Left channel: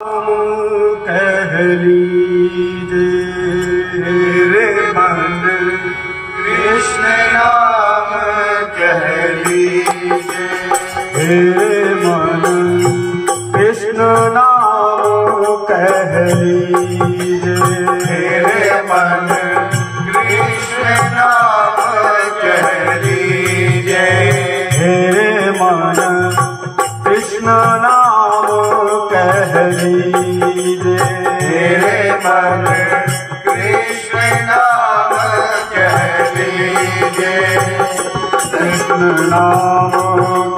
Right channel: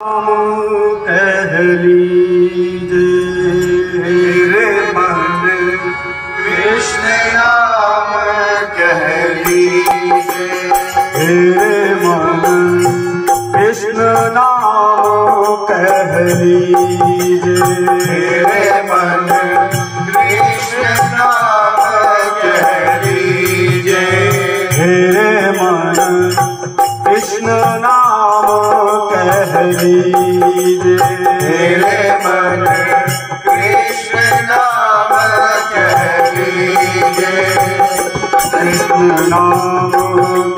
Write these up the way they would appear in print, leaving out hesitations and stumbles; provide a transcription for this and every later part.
कह लीजिए रे मन कृष्ण नाम कह लीजिए रे मन कृष्ण नाम कह लीजिए रे मन कृष्ण नाम कह लीजिए रे मन कृष्ण नाम कह लीजिए रे मन कृष्ण नाम कह लीजिए कृष्ण नाम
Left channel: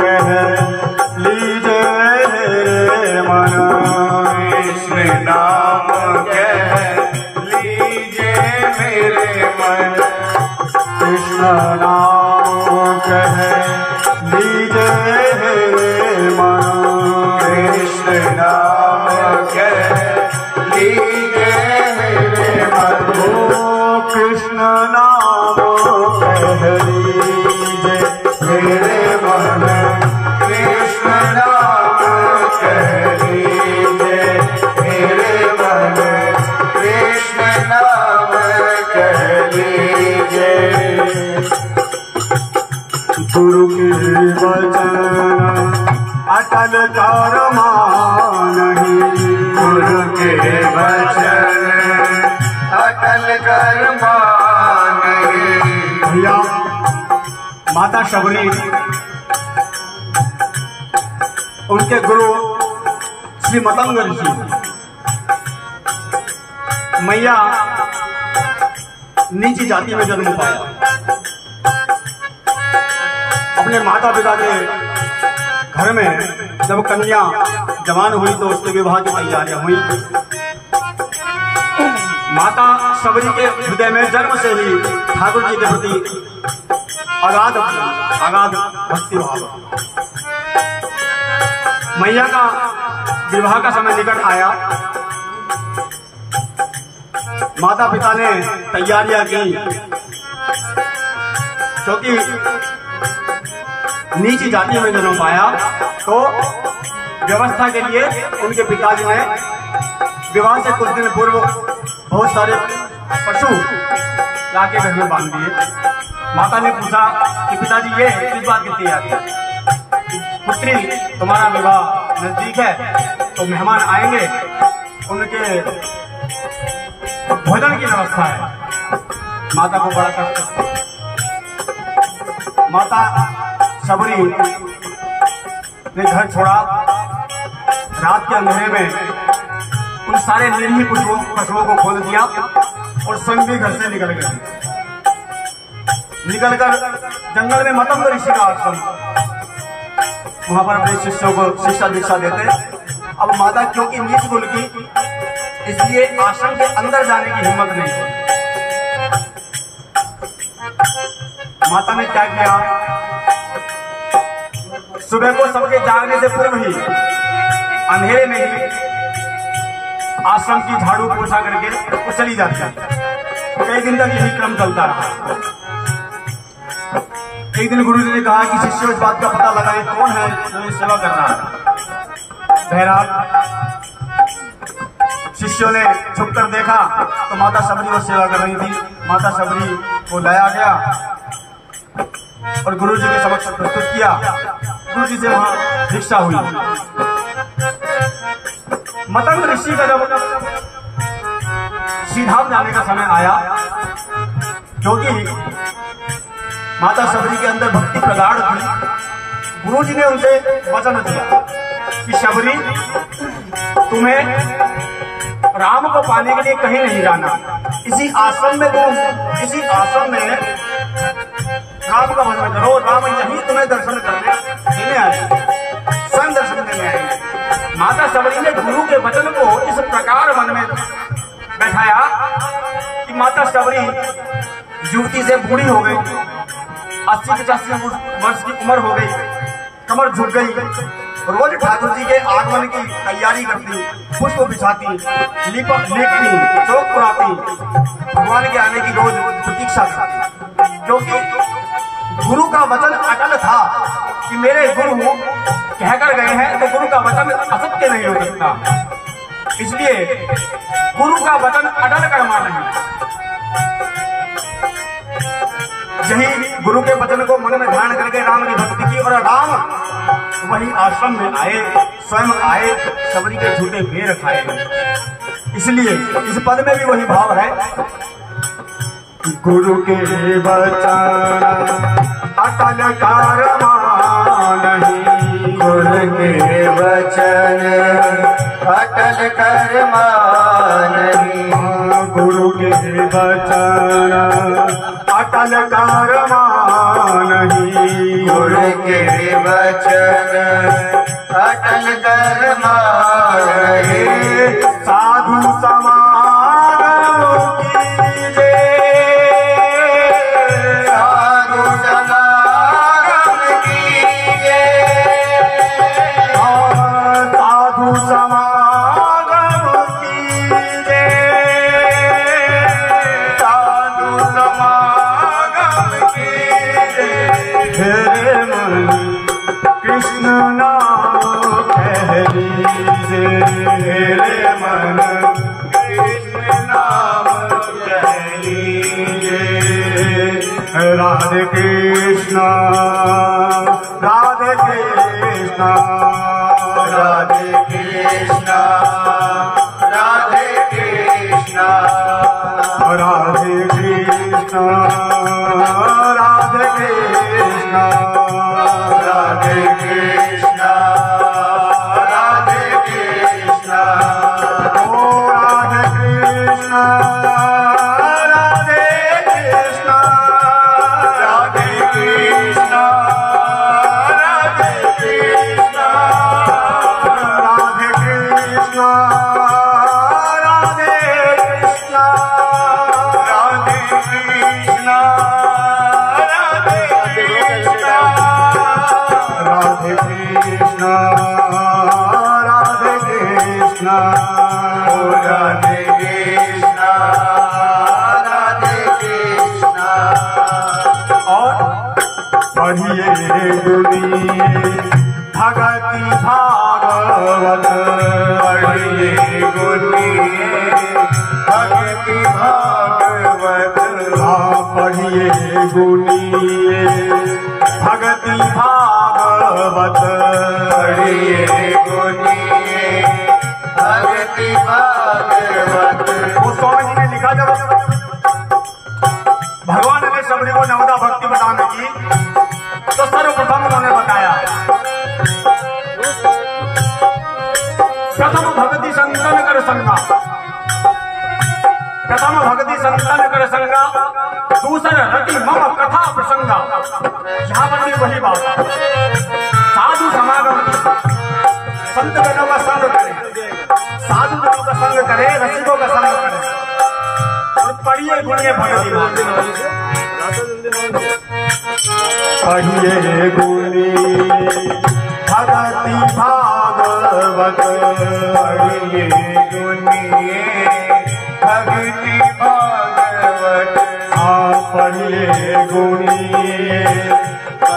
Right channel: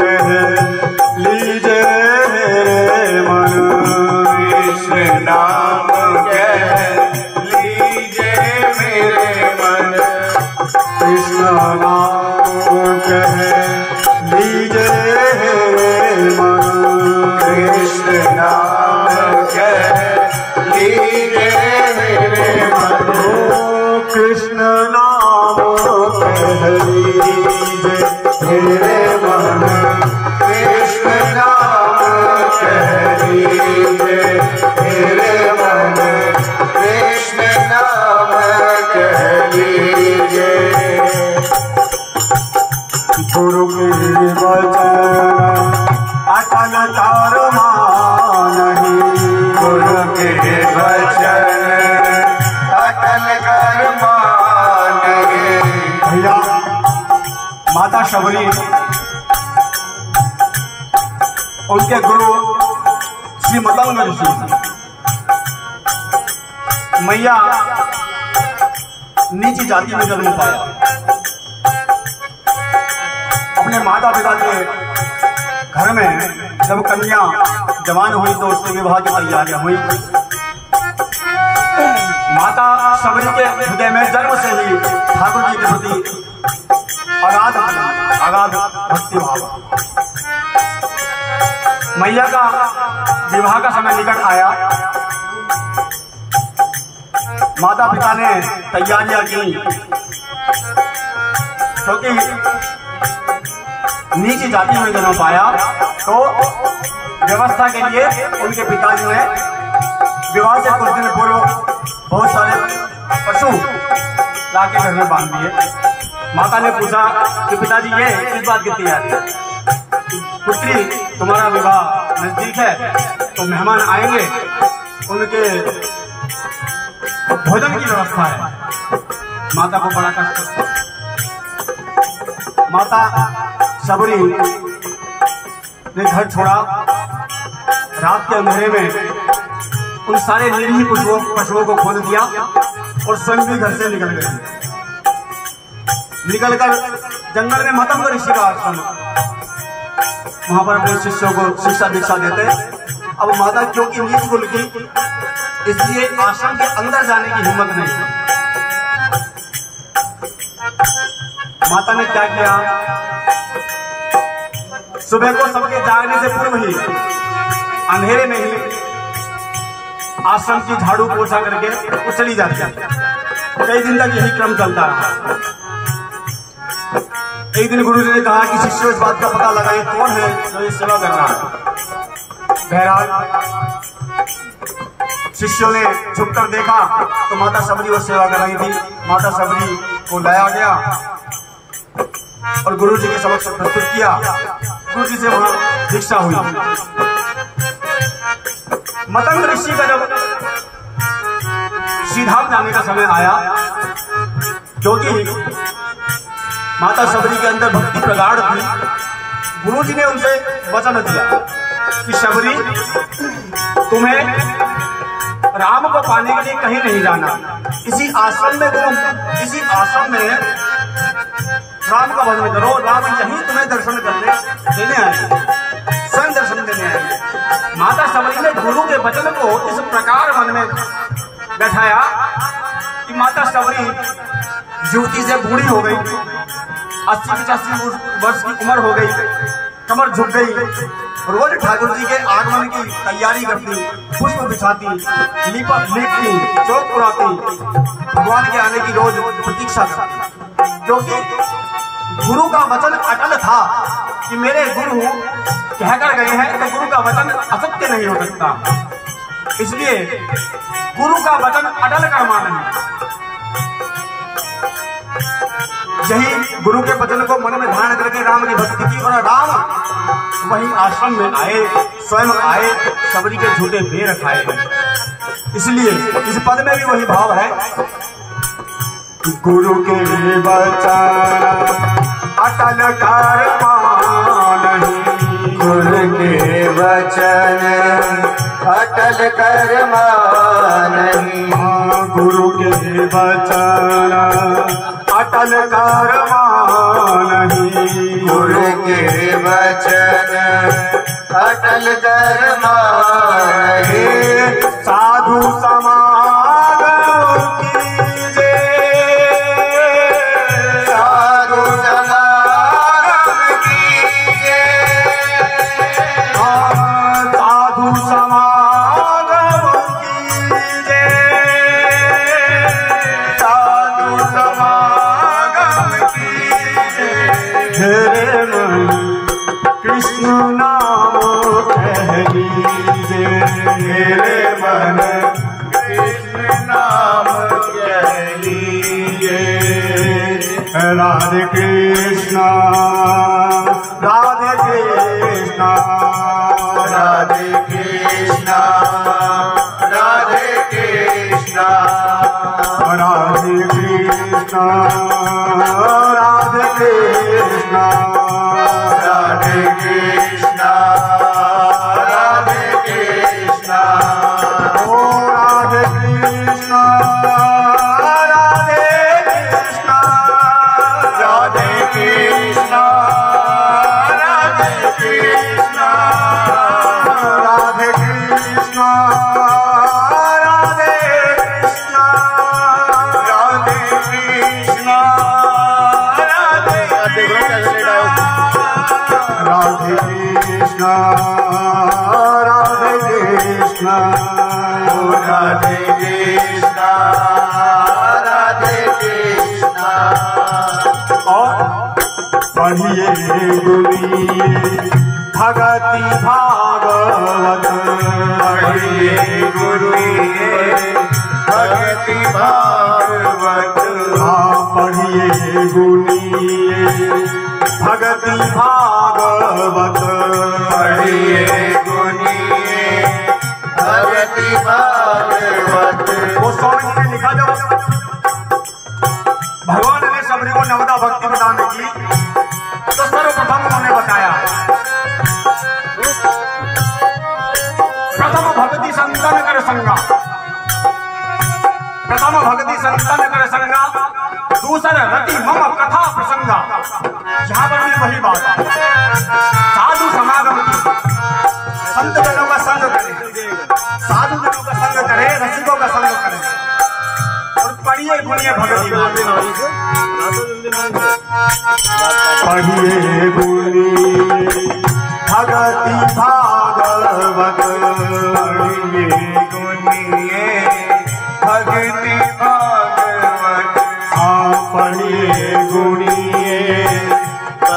कह लीजिए रे मन कृष्ण नाम कह लीजिए मेरे मन कृष्ण नाम कह लीजिए रे मन कृष्ण नाम कह लीजिए मेरे मन कृष्ण नाम कह लीजिए मेरे मन कृष्ण नाम कह लीजिए मेरे मन कृष्ण नाम कह लीजिए गुरु के वचन अटल कर मानहि गुरु के वचन अटल कर मानहि। भैया माता शबरी उनके गुरु श्री मतंग ऋषि मैया नीची जाति में जन्म पाया। अपने माता पिता के घर में जब कन्या जवान हुई तो उसके विवाह की तैयारियां हुई। माता शबरी के हृदय में जन्म से ही ठाकुर जी के प्रति अगाध भक्ति भाव। मैया का विवाह का समय निकट आया। माता पिता ने तैयारियां की क्योंकि नीची जाति में जन्म पाया तो व्यवस्था के लिए उनके पिताजी ने विवाह से कुछ दिन पूर्व बहुत सारे पशु लाके घर में बांध दिए। माता ने पूछा कि पिताजी ये किस बात की तैयारी है? पुत्री तुम्हारा विवाह नजदीक है तो मेहमान आएंगे, उनके भोजन की व्यवस्था है। माता को बड़ा कष्ट। माता शबरी ने घर छोड़ा। रात के अंधेरे में उन सारे निरीह पशुओं को खोल दिया और स्वयं भी घर से निकल गए। निकलकर जंगल में मतंग ऋषि का आश्रम, वहां पर अपने शिष्यों को शिक्षा दीक्षा देते। अब माता क्योंकि नीच कुल की, इसलिए आश्रम के अंदर जाने की हिम्मत नहीं थी। माता ने क्या किया, सुबह को सबके जागने से पूर्व ही अंधेरे में ही आश्रम की झाड़ू पोछा करके वो चली जाती है। कई दिन तक यही क्रम चलता रहा। एक दिन गुरु जी ने कहा कि शिष्य इस बात का पता लगाए कौन है जो ये सेवा कर रहा है। बहरहाल शिष्यों ने झुककर देखा तो माता शबरी वो सेवा कर रही थी। माता शबरी को लाया गया और गुरु जी के समक्ष प्रस्तुत किया। गुरु जी से वहां भिक्षा हुई। मतंग ऋषि का जब श्रीधाम जाने का समय आया, क्योंकि माता शबरी के अंदर भक्ति प्रगाढ़ थी, गुरु जी ने उनसे वचन दिया कि शबरी तुम्हें राम को पाने के लिए कहीं नहीं जाना, इसी आश्रम में राम का भजन करो। राम यहीं तुम्हें दर्शन करने देने आएंगे, स्वयं दर्शन देने आएंगे। माता शबरी ने गुरु के वचन को इस प्रकार मन में बैठाया कि माता शबरी युवती से बूढ़ी हो गई, 80-85 वर्ष की उम्र हो गई, कमर झुक गई। रोज ठाकुर जी के आगमन की तैयारी करती, पुष्प बिछाती, लिखती, चौक पुराती, भगवान के आने की रोज प्रतीक्षा करती। क्योंकि गुरु का वचन अटल था कि मेरे गुरु कहकर गए हैं तो गुरु का वचन असत्य नहीं हो सकता। इसलिए गुरु का वचन अटल कर मानना है। यही गुरु के वचन को मन में ध्यान करके राम की भक्ति की, और राम वही आश्रम में आए, स्वयं आए, सबरी के झूठे भेड़ खाए गए। इसलिए इस पद में भी वही भाव है, गुरु के वचन अटल कर मानहि, गुरु के वचन अटल कर मानहि, गुरु के वचन अटल कर मानहि, गुरु के वचन अटल कर मानहि, साधु समागम कीजे, साधु समागम कीजे, साधु समागम कीजे, साधु समागम कीजे, तेरे मन कृष्ण नाम कह लीजे, मेरे मन कृष्ण नाम कह लीजे, राधे कृष्ण राधे कृष्ण राधे कृष्ण राधे कृष्ण राधे कृष्ण राधे कृष्ण राधे कृष्ण राधे कृष्ण ओ राधे कृष्ण राधे कृष्ण राधे कृष्ण राधे कृष्ण राधे कृष्ण राधे कृष्ण राधे कृष्ण राधे कृष्ण राधे कृष्ण राधे कृष्ण राधे कृष्ण राधे कृष्ण और पढ़िए गुनिए भगति भागवत, पढ़िए गुनिए भगति भागवत, पढ़िए गुनिए भगति भागवत, पढ़िए गुनिए भगति भागवत। वो स्वामी जी ने लिखा, जब भगवान ने सबरी को नवदा भक्ति प्रदान की तो सर्वप्रथम उन्होंने बताया, प्रथम भक्ति संतन कर संगा, प्रथम भक्ति संतन कर संगा, दूसरा रति मम कथा प्रसंगा। यहाँ पर भी वही बात, साधु समागम की, संत जनों का संग करे, साधु जनों का संग करे, रसिकों का संग करे, और पढ़िए गुणिए भगति भागवत, पढ़िए गुणिए भगति भागवत, पढ़िए गुनिए भगति भागवत, पढ़िए गुणिए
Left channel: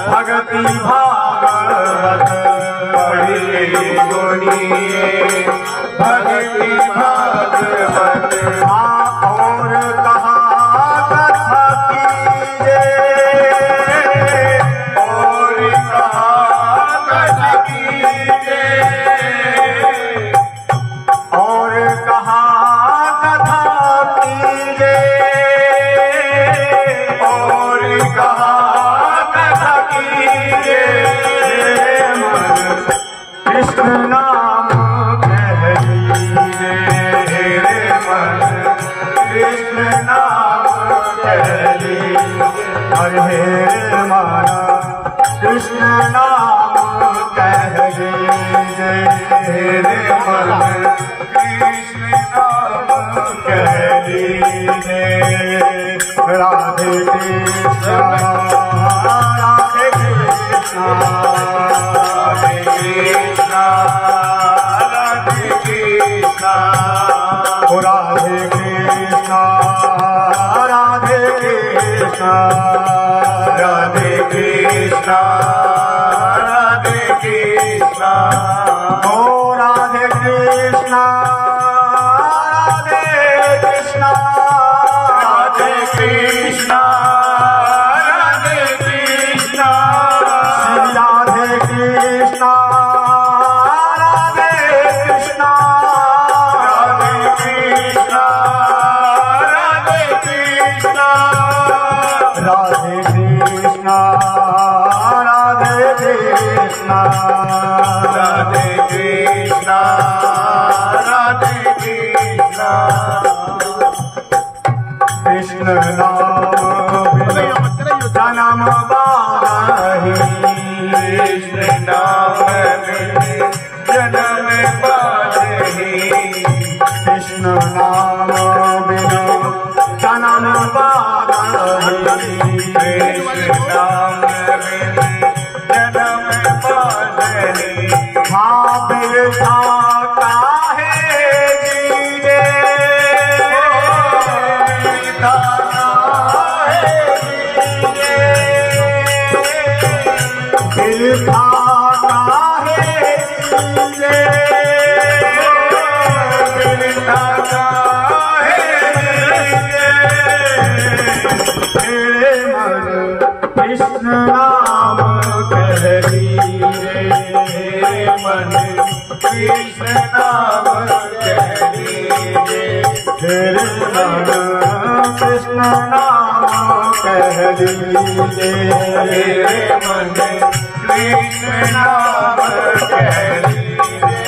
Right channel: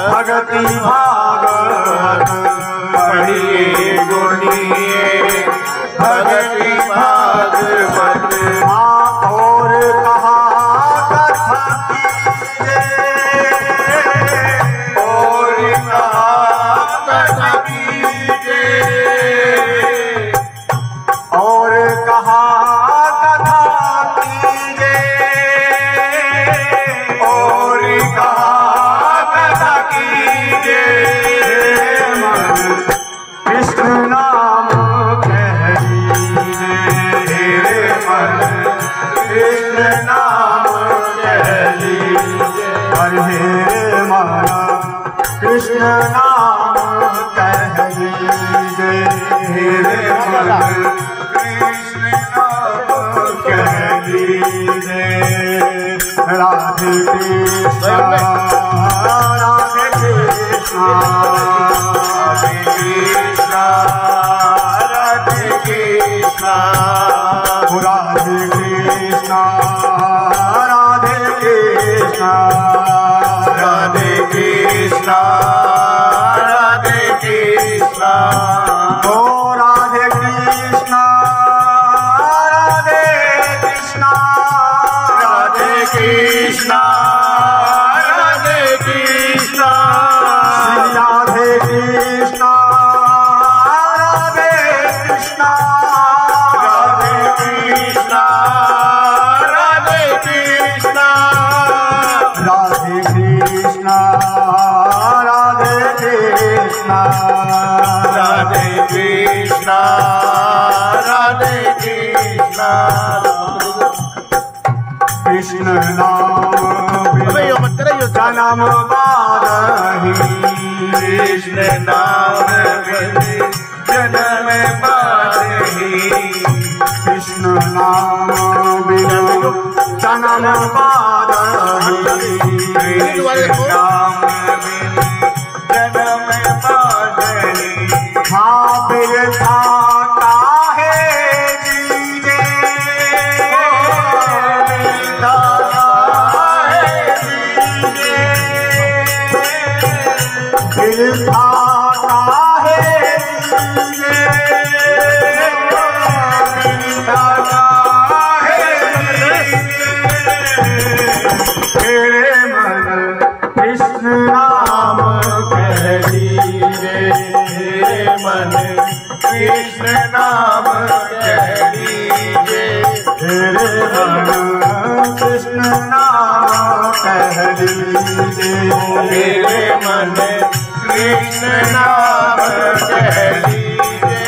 भगति भागवत, पढ़िए गुनिए भगति भागवत। और कहा कथा कीजे, और कहा कथा कीजे, और कहा कथा कीजे, और कहा कथा कीजे, कृष्ण नाम कह लीजे, तेरे मन कृष्ण नाम कह लीजे, अरे माना कृष्ण नाम कह लीजे, तेरे मन कृष्ण नाम कह लीजे, राधे कृष्ण राधे कृष्ण राधे कृष्ण राधे कृष्ण राधे कृष्ण राधे कृष्ण राधे कृष्ण राधे कृष्ण ओ राधे कृष्ण राधे कृष्णा राधे कृष्णा श्री राधे कृष्णा राधे कृष्णा राधे कृष्णा राधे कृष्णा राधे कृष्णा राधे कृष्णा राधे कृष्णा राधे कृष्णा कृष्ण नाम जन्म बारही कृष्ण नाम जन्म बारही कृष्ण नाम बिनु जन्म बारही कृष्ण नाम जन्म बारही हाँ बिरथा काहे जीवे बिरथा काहे जीवे तेरे मन कृष्ण नाम कह लीजे मन कृष्ण नाम कह लीजे तेरे मन कृष्ण नाम कह लीजे मेरे मन कृष्ण नाम कह लीजे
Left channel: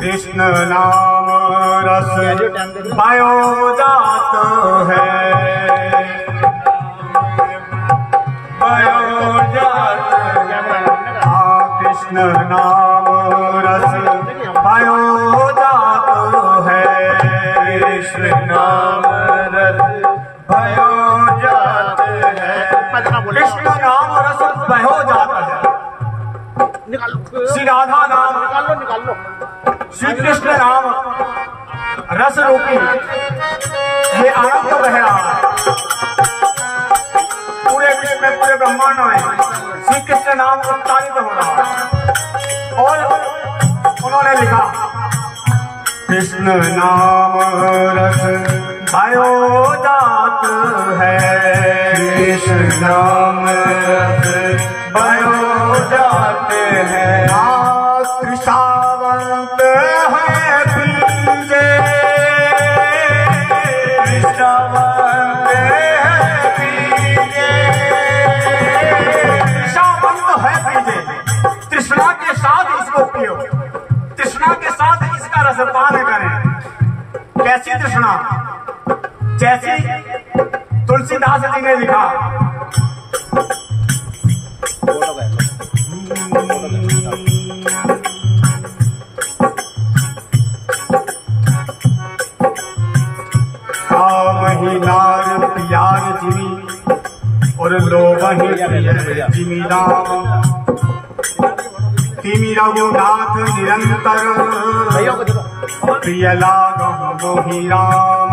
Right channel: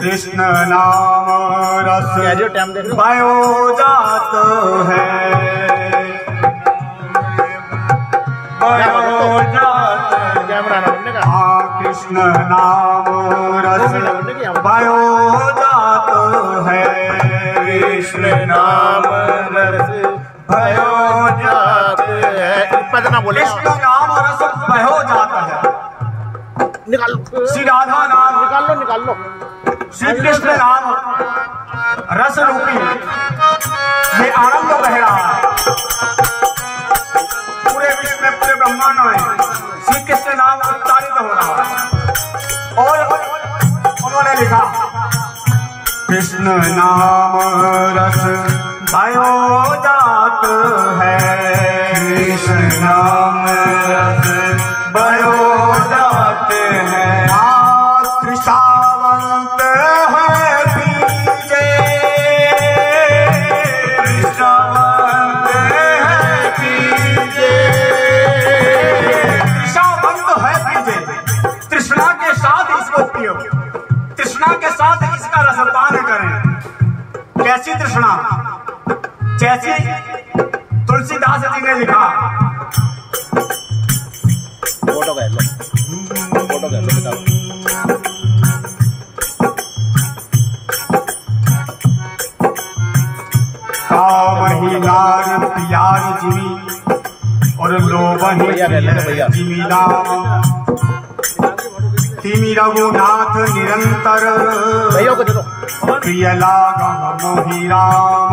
कृष्ण नाम रस पायो जात है भयो जात हाँ कृष्ण नाम रस पायो जात है कृष्ण नाम रस भयो जात है कृष्ण नाम रस बहो जाता है श्री राधा नाम निकाल लो श्री कृष्ण नाम रस रूपी ये आनंद बह रहा है पूरे विश्व में पूरे ब्रह्मांड में श्री कृष्ण नाम उच्चारित हो रहा है और उन्होंने लिखा कृष्ण नाम रस भयो जात है कृष्ण नाम रस भयो जात है कृष्णावंत है पीजे कृष्णावंत है पीजे कृष्णावंत है पीजे तृष्णा के साथ इसको पियो तृष्णा के साथ इसका रसपान करें कैसी तृष्णा जैसी तुलसीदास जी ने लिखा नार प्याज जीवी और लोबही जिमी राम तिमी रघुनाथ निरंतर प्रिय लागम मोहि राम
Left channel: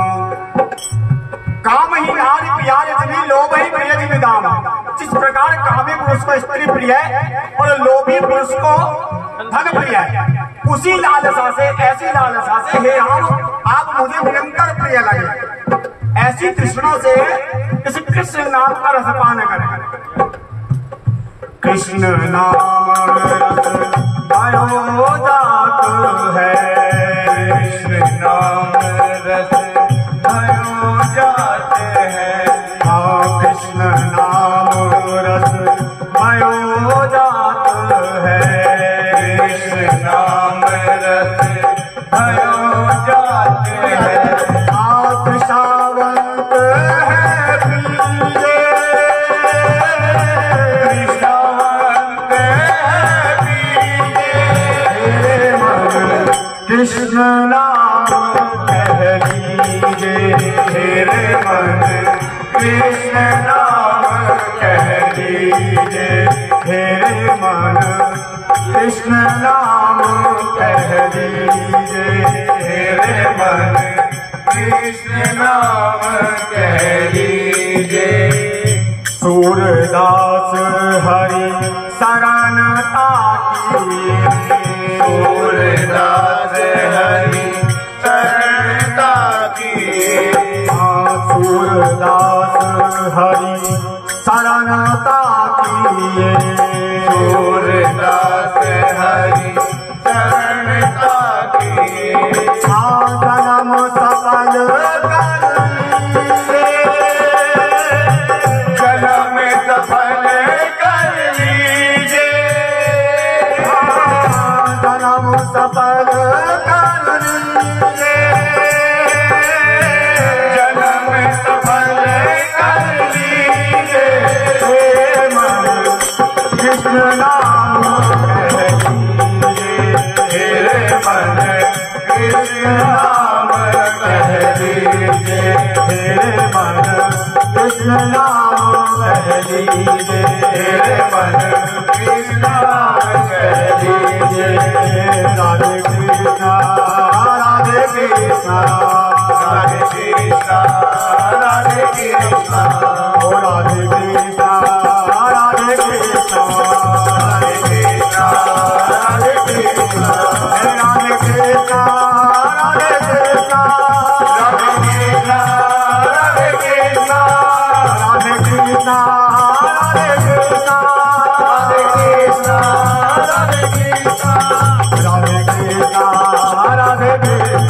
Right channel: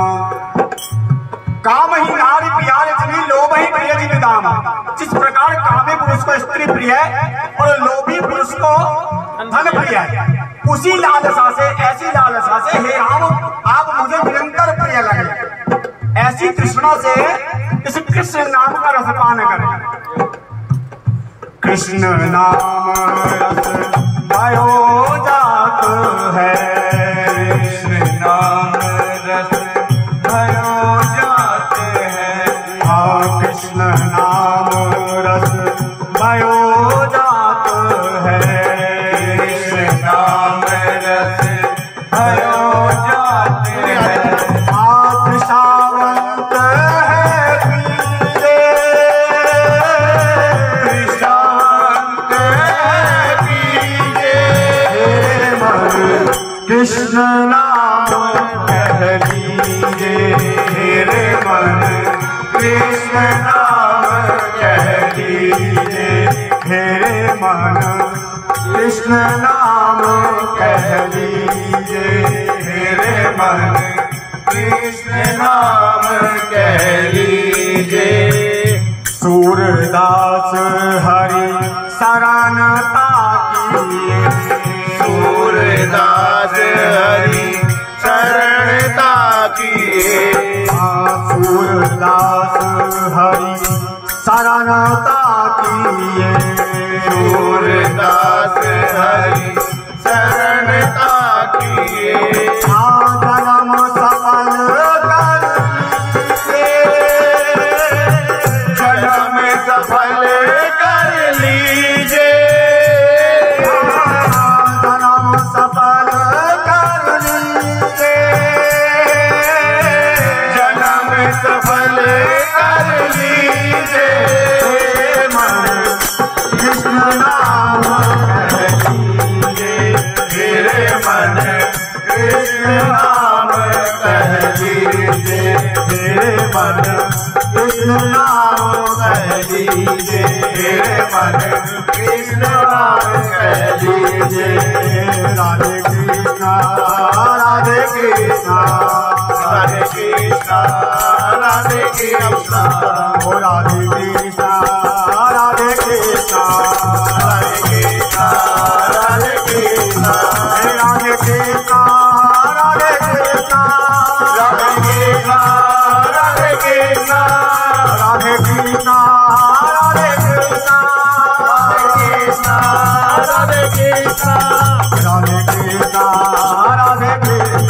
काम ही नारी प्यार जिमी लोभ ही प्रिय जिमी दाम जिस प्रकार कामी पुरुष को स्त्री प्रिय है और लोभी पुरुष को धन प्रिय है उसी लालसा से ऐसी लालसा से हे राम आप मुझे निरंतर प्रिय लगे ऐसी तृष्णा से इस कृष्ण नाम का रसपान करें कृष्ण नाम रस भयो जात है कृष्ण नाम रस भयो जात है हाँ कृष्ण नाम रस भयो जात है कृष्ण नाम रस भयो जात है आप सावंत है पीजे कृष्णावंत है पीजे तेरे मन कृष्ण नाम कह लीजे मेरे मन कृष्ण नाम कह लीजे तेरे मन कृष्ण नाम कह लीजे मेरे मन कृष्ण नाम कह लीजे सूरदास हरि शरण पाकी सूरदास हरि शरण काल काल लीजे जन्म सफल कर लीजे मन कृष्ण नाम तेरे मन कृष्ण नाम कह लीजे तेरे मन कृष्ण नाम कह लीजे तेरे मन कृष्ण नाम कह लीजे राधे कृष्णा राधे कृष्णा राधे कृष्णा राधे कृष्णा ओ राधे कृष्णा राधे कृष्णा राधे कृष्णा राधे कृष्णा राधे कृष्णा राधे कृष्णा राधे कृष्णा राधे कृष्णा राधे कृष्णा राधे कृष्णा राधे कृष्णा राधे कृष्णा राधे कृष्णा राधे कृष्णा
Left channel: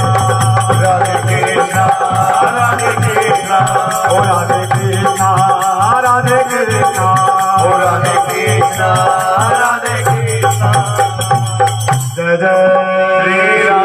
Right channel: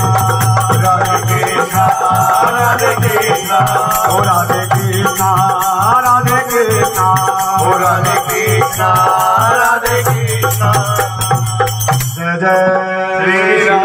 राधे कृष्णा राधे कृष्णा ओ राधे कृष्णा राधे कृष्णा ओ राधे कृष्णा राधे कृष्णा जय जय श्री राम।